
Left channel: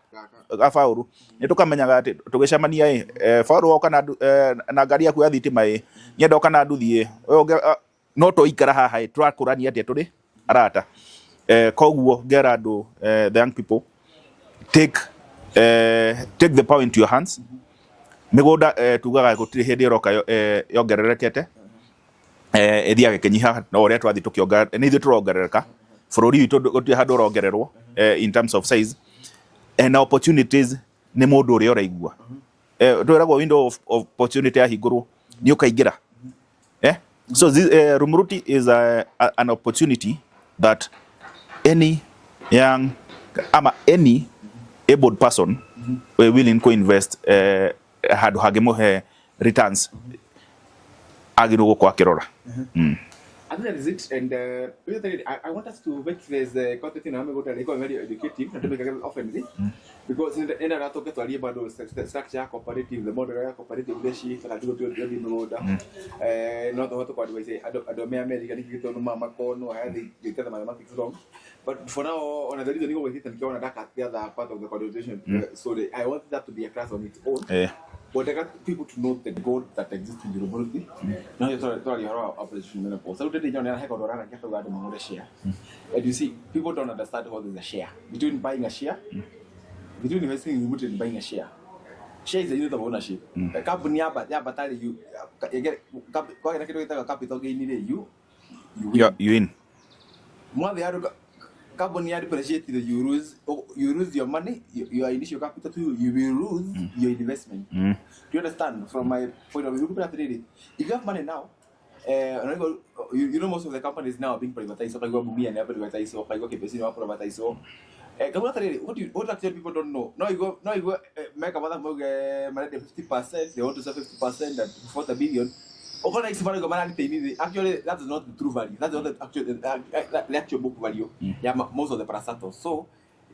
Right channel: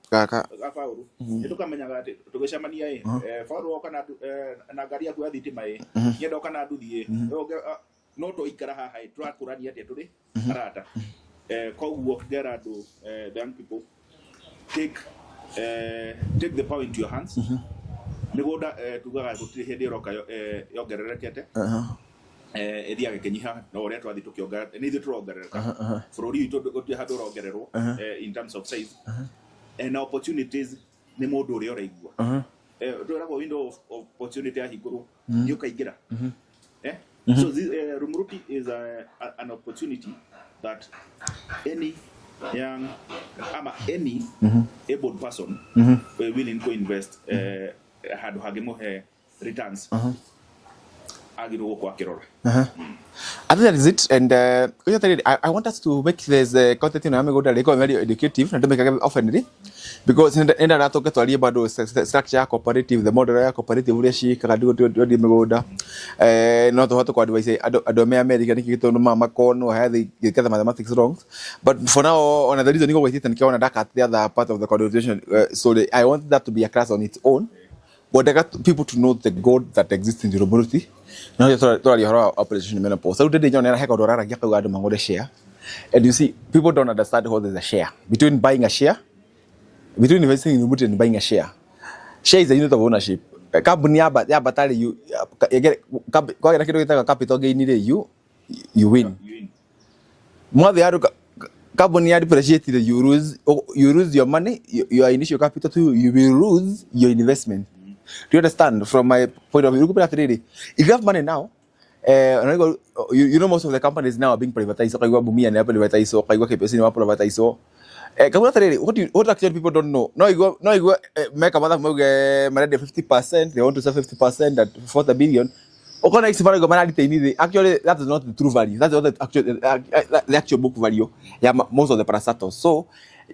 Faũlũ nĩ tũkamenyaga atĩ tũgĩcemania Faũlũ oka na ngari yaku ya thitima nyenda oka na nduthi no tũikara haha tũrakũrania atĩa tũrĩ arata koguo get andũ the young people take the power into your hands mĩgũnda tugaga gũtirĩ hĩndĩ ĩroka yongererekete ĩthiaga ĩkĩnyiha na ũrĩa twathi tũkĩongerera nĩ ithuĩ tũrongerereka bũrũri witũ gũtirĩ handũ ũrongererwo in terms of size and opportunities nĩ mũndũ ũrĩa ũraigua twĩragwo window of opportunity yahingũrwo nĩ ũkaingĩra so this Rumuruti is an opportunity that any young any able person willing to invest had hagemohe returns agiro gũkũ akĩrora I think that is it, and I want us to make this content very educative and to make it often because in the that talk to about structure cooperative, the model ya cooperative ule shi kagadu ndi mĩgũnda no to what advise ado me America ni kitu no mama kono have the mathematics wrong, but for now on the reason you go with it and kiona that the other part of the conversation so I want that to be a class on its own. But I got people to know the God that exists in the Rumuruti. Now you thought you have operation menopause. So today, John, I have a share. And you see, people don't understand what is a share. Between buying a share, between investing in Rumuruti and buying a share. Share is a unit of ownership. Company, but you get capital gain. You win. You win. More the other. Carbon depreciated, you lose your money, your initial capital too, you will lose your investment. Do you understand? From my point of view, if you have money now, you know most of the companies now are being privatized. What actually people don't know? Now you go make a mother 50%, they want to sell 50% at 40 billion. Actually, that is not the true value. That's not the actual book value. Yeah, most of the parastatals. So,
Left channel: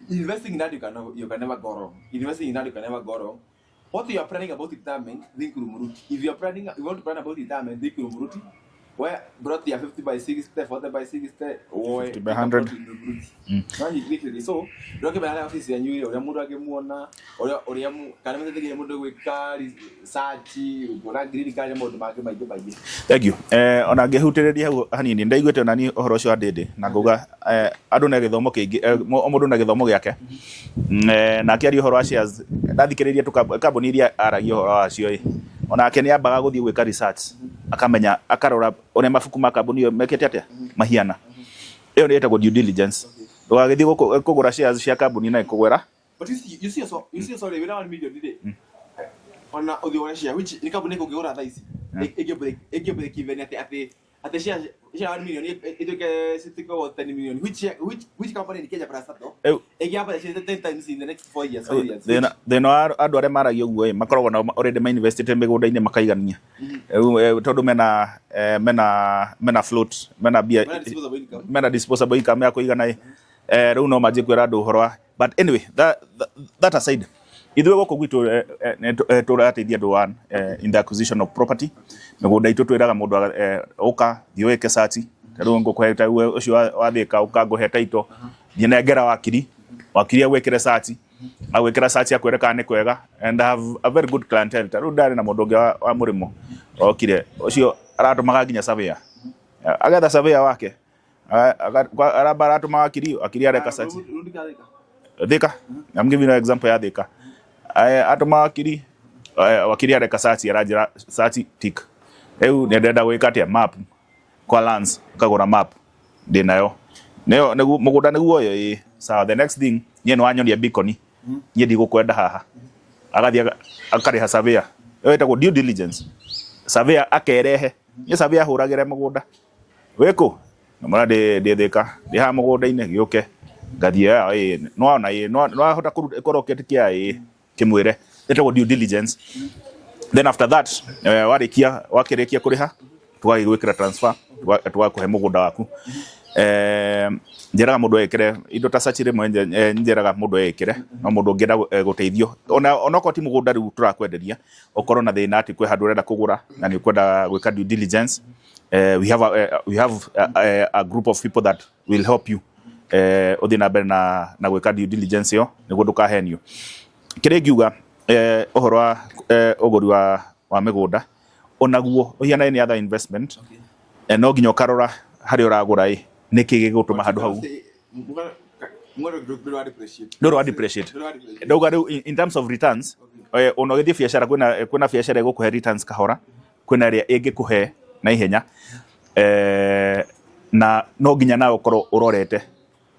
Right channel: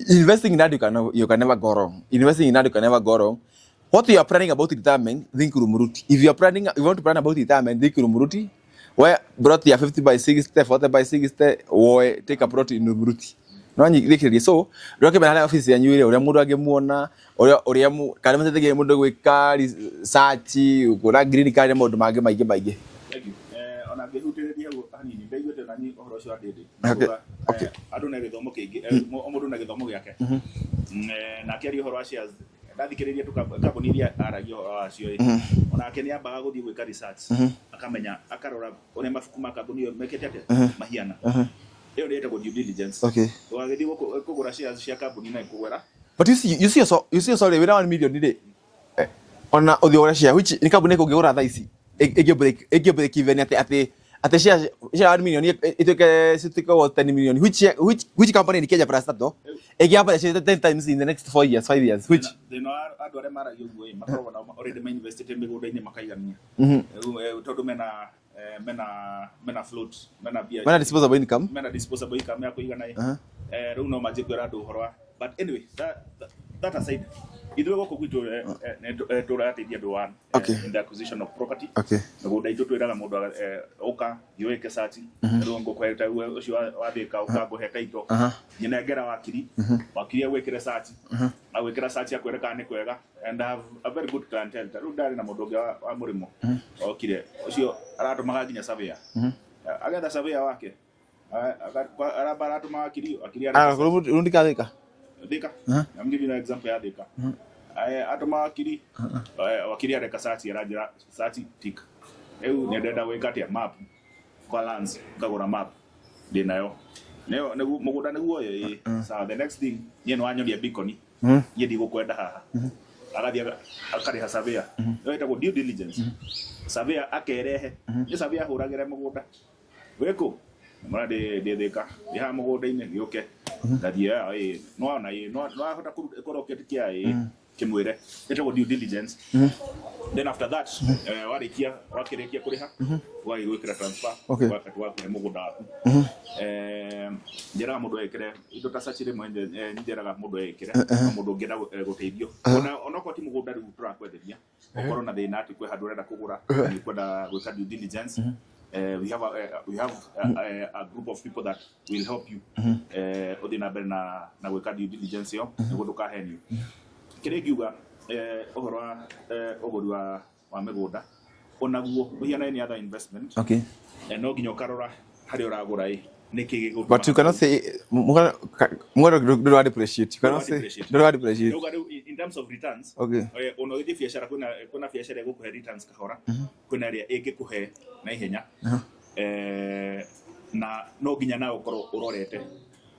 investing in that you can never go wrong. Investing in that you can never go wrong. What you are planning about retirement, think Rumuruti. If you want to plan about retirement, think Rumuruti. Where brought your 50 by 60, 40 by 60, or take a plot in Rumuruti. So, recommend an office and you will or you can take a motor with car, Sachi, or green car mode, Maggie. Thank you. On a Gehuteria, honey, and they go to Nani or Rosha Dede. I don't know the Moke, Omoduna the Mogiaka. Nakari Horatias, that Canadian to Cabonia are your on a Kenya Bagodi with Carisats, a Camania, a Carora. On Mafukuma Kabuni make it Mahiana. Eoneta go due diligence. Okay. Kogora shares Shakabuni na Kogora. But you see sorry, we don't million today. On the other share, which in Kabuneko Gora Daisy. A break even at the share million, it took a 10 million. Which company in Kenya Prastato? A gap 10 times in the next 4 years, 5 years. Then are Adoremara young way, Macron already invested in Megoda in Macayania. Todo mena float, mena beer, mena disposable income, Yakoiganai, Runo Magic Horror. But anyway, that aside, Ithuĩ gũkũ gwitũ tũrateithia andũ one in the acquisition of property. Mĩgũnda itũ twĩraga mũndũ ũka thiĩ wĩke search rĩu ngũkũhe ũcio wa Thika ũka ngũhe taito thiĩ nengera wakiri agwĩkĩre search agwĩkĩra search akwĩre kana nĩ kwega and I have a very good clientele. Rĩu ndarĩ na mũndũ ũngĩ wa mũrĩmo okire ũcio aratũmaga nginya surveyor agetha surveyor wake aratũma wakiri areka search Thika. I'm giving you an example ya Thika. Atuma wakiri areka search aranjira search tick. Rĩu nĩ ndenda gwĩka atĩa map kwa lands kagũra map ndĩnayo. Nĩyo mũgũnda nĩguo yo so the next thing niĩ nĩ wanyonia beacon niĩ ndigũkwenda haha. Agathiĩ akarĩha surveyor. Ĩyo ĩtagwo due diligence. Surveyor akerehe. Niĩ surveyor hũragĩre mũgũnda. Wĩkũ? Mwana ndĩ Thika. Ndĩ ha mũgũnda-inĩ gĩũke. Gathia no ahota kũroketi kia kimwire etagwo due diligence. Then after that wakĩrĩkia kũrĩha twagĩgwĩkĩra transfer twakũhe mũgũnda waku. Njĩraga mũndũ ekĩre indo ta search rĩmwe njĩraga mũndũ ekĩre no mũndũ ũngĩenda gũteithio ona ko ti mũgũnda rĩu tũrakwenderia ũkorwo na thĩna atĩ kwĩ handũ ũrenda kũgũra na nĩ kwenda gwĩka due diligence. We have a group of people that will help you uthi na mbere na gwĩka due diligence yo nĩguo ndũkahenio. Kĩrĩa ngiuga ũhoro wa ũgũri wa mĩgũnda onaguo ũhiana any other investment no nginya ũkarora harĩa ũragũra nĩkĩ gĩgũtũma in terms of returns ona ũgĩthiĩ biacara kwĩna biacara ĩgũkũhe returns kahora kwĩna ĩrĩa ĩngĩkũhe na ihenya na no nginya nawe ũkorwo ũrorete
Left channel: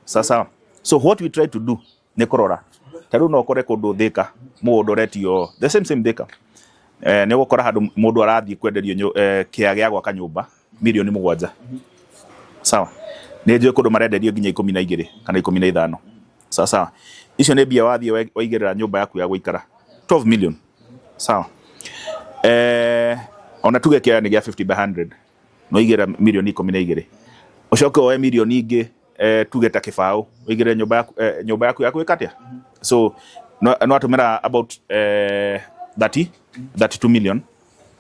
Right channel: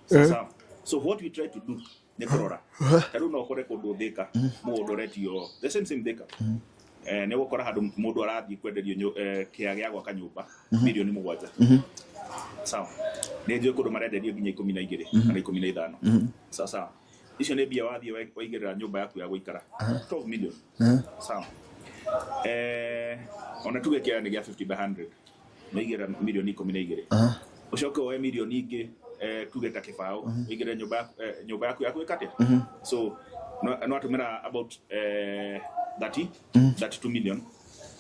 sasa. So what we try to do nĩ kũrora tarĩu no ũkore kũndũ Thika mũgũnda ũretio the same Thika nĩ gũkora handũ mũndũ arathiĩ kwenderio kĩa gĩa gwaka nyũmba milioni 7 sawa. Nĩ njũĩ kũndũ marenderio nginya 12 kana 15 sawa. Icio nĩ mbia wathiĩ waigĩrĩra nyũmba yaku ya gũikara 12 million sawa. Ona tuge kĩa nĩ gĩa 50 by 100 no igĩra milioni 12 ũcoke woe milioni ingĩ tuge ta kĩbaũ wĩigĩre nyũmba yaku ya gwĩka atĩa. So no atũmĩra about 32 million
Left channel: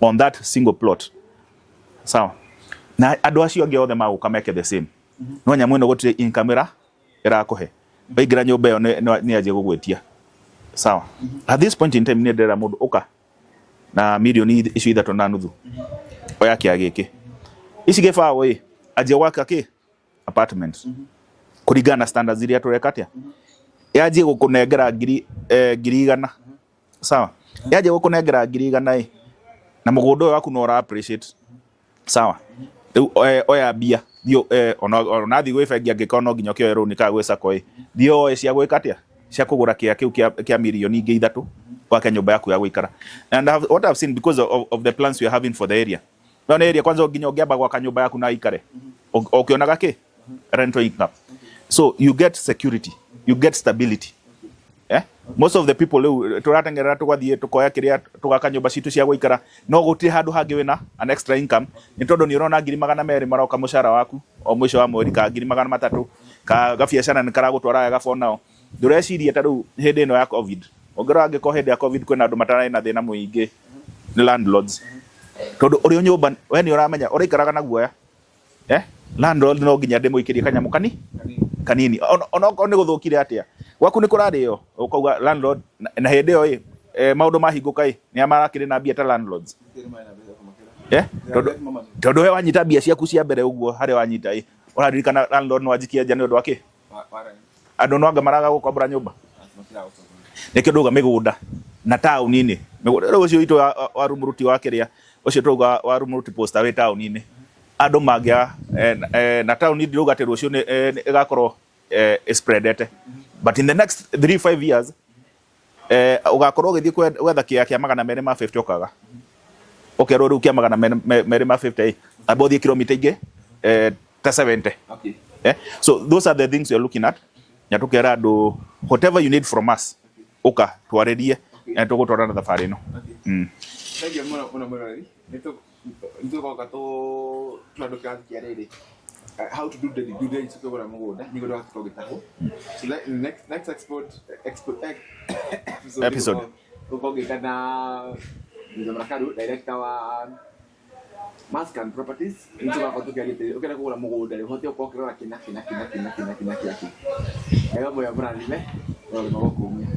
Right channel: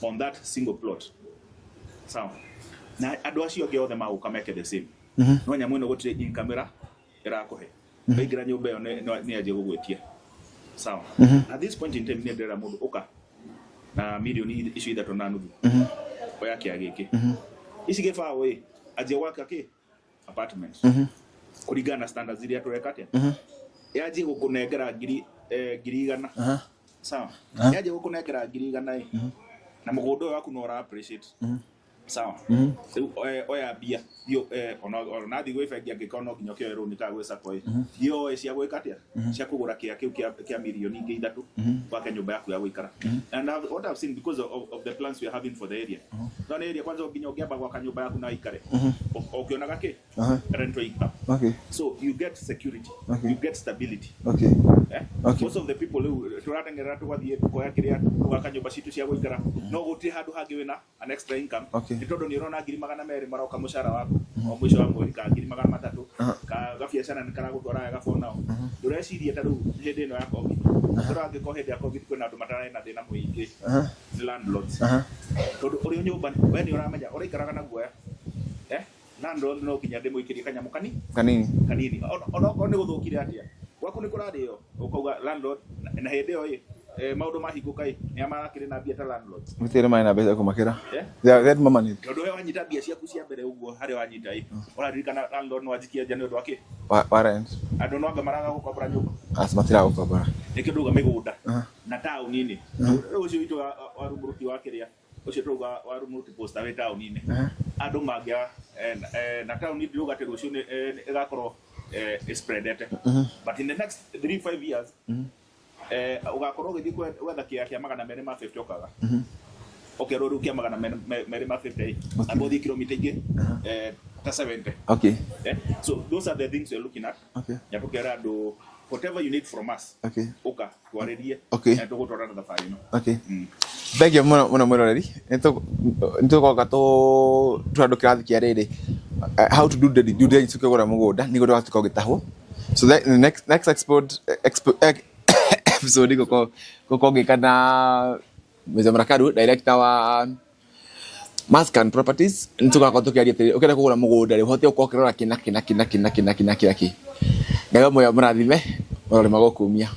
on that single plot sawa. Na andũ acio angĩ othe magũka meke the same no nyamũ ĩno gũtirĩ income ĩrakũhe waigĩra nyũmba ĩyo nĩ anjie gũgwĩtia sawa. At this point in time nĩ ndĩrera mũndũ ũka na milioni icio 3.5 oya kĩa gĩkĩ ici gĩbaũ anjie gwaka apartments kũringana na standards iria tũreka atĩa yanjie gũkũnengera ngiri 100 sawa. Yanjie gũkũnengera ngiri 100 na mũgũnda ũyũ waku no ũra appreciate sawa. Rĩu oya mbia thiĩ ona thiĩ gwĩ bengi angĩkorwo no nginya kĩoe rũni ka gwĩ sacco thiĩ oe cia gwĩka atĩa cia kũgũra kĩa kĩu kĩa milioni ingĩ 3 gwake nyũmba yaku ya gũikara. And what I've seen because of the plans we are having for the area no nĩ area kwanza nginya ũngĩamba gwaka nyũmba yaku na ikare ũkĩonaga rental income. So you get security you get stability. Most of the people rĩu tũratengerera tũgathiĩ tũkoya kĩrĩa tũgaka nyũmba citũ cia gũikara no gũtirĩ handũ hangĩ wĩna an extra income nĩ tondũ nĩ ũrona 200 maroka mũcara waku o mwisho wa mweri ka 300 ka gabiacara nĩ karagũtwara wega for now. Ndũreciria ta rĩu hĩndĩ ĩno ya covid ũngĩrora angĩkorwo hĩndĩ ya covid kwĩna andũ matarĩ na thĩna mũingĩ nĩ landlords tondũ ũrĩ nyũmba we nĩ ũramenya ũraikaraga na guoya landlord no nginya ndĩmũikĩrie kanyamũ kanini ona okorwo nĩ gũthũkire atĩa gwaku nĩ kũrarĩo ũkauga landlord na hĩndĩ ĩyo maũndũ mahingũka nĩ amarakĩrĩ na mbia ta landlords mũtĩre maĩ na mbeca kũmakĩra tondũ we wanyita mbia ciaku cia mbere ũguo harĩa wanyita ũraririkana landlord no wanjikia nja nĩ ũndũ wake wa rent andũ no anga maraga gũkombora nyũmba matiragũkombora nĩkĩo ndauga mĩgũnda na taũni-inĩ mĩgũnda ũcio witũ wa rumuruti wa kĩrĩa ũcio tũuga wa rumuruti posta wĩ taũni-inĩ andũ mangĩa na taũni ndĩrauga atĩ rũciũ ĩgakorwo spreadete but in the next 3-5 years ugakorwo ũgĩthiĩ gwetha kĩa 250 okaga ũkerwo rĩu kĩa 250 amba ũthiĩ kilomita ingĩ ta 70. So those are the things you're looking at. Ya tukera andũ whatever you need from us ũka twarĩrie na tũgũtwarana thabarĩ ĩno. Thank you mũno mwĩroreri nĩtũgoka tũandũ kĩrathi kĩa rĩrĩ how to do the due diligence ũkĩgũra mũgũnda nĩguo ndũgatuĩka ũgĩtahwo. So the next episode guko ngikana Mzee Mrakadu director wa Mascan Properties nitugakorwo tukiaria atiri ukenda kugura mugunda ri uhote uko kirora kina Ngai mũrathime mũrore magokumia.